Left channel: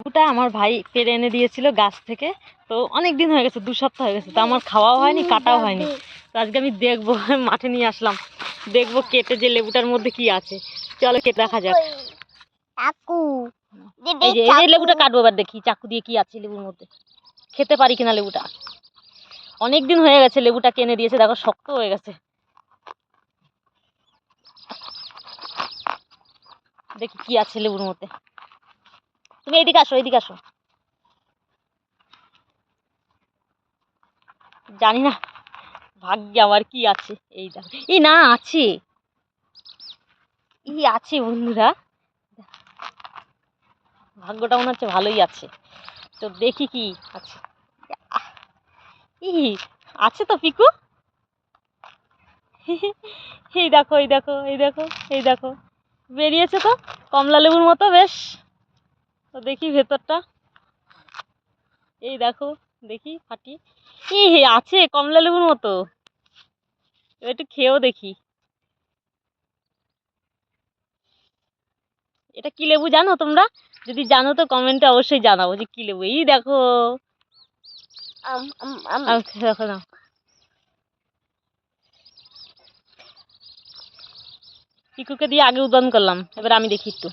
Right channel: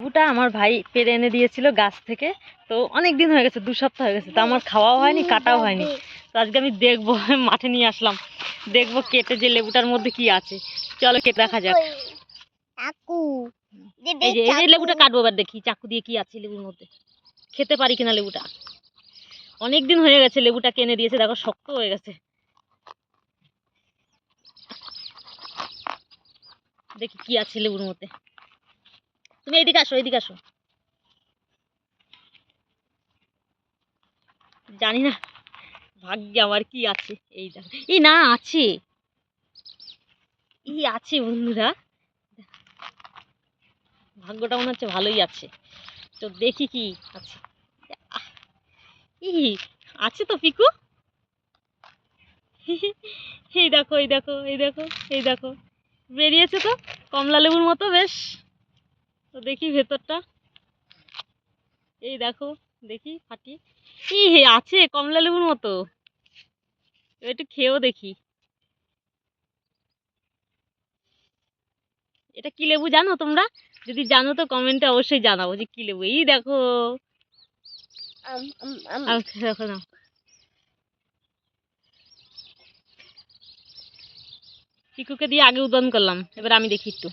লেবুটা আমার ভাই পেড়ে এনে দিয়েছিল গাছ থেকে। তো অনেক দিন হয়ে গেছে, 2 সপ্তাহ হয়ে গেছে, তো আমার খাওয়াও হয়নি, কাটাও হয়নি। তো আজকে আমি দেখবো, মাঠে নিয়ে আসলাম, দেখবো কেটে যে লেবুটার মধ্যে কি আছে। চলো কেটে দেখা যাক। এই যে লেবুটা কাটবো, এবার দেখি চাকু দিয়ে কি আছে লেবুর মধ্যে, খেতে পারি কিনা লেবুটা। অনেক দিন হয়ে গেছে লেবুটা কিনে দিয়েছে, দেখো শক্ত হয়ে গেছে। দেখি কি আছে লেবুর মধ্যে। তুমি এইদিকে আসো, এইদিকে আসো। জানি না ভাগ্যে আমার কি আছে। এইটা এই না আছে, ই আছে বন্ধুরা, ভাগ্যটা মনে হচ্ছে ভালোই আছে। তো দেখি কি আছে। ই আছে তো পিকু। এই দেখো, এই দেখো, এই দেখো, এই দেখো, বেরিয়েছে তো কমলা লেবুর মতো বেশ। তো দেখি ভেতরটা, এই দেখো, দেখি ফাটি। ই আছে কমলা লেবুর মতো, একটু খেয়েও দেখি। এটা কি লেবু জানো তোমরা? যদি জানো তো কমেন্টে অবশ্যই জানাবো যে কি লেবু। এই দেখো, দেখো না, পিকুকে দিয়ে আগে উদন করলাম, এবার আমি দেখি একটু।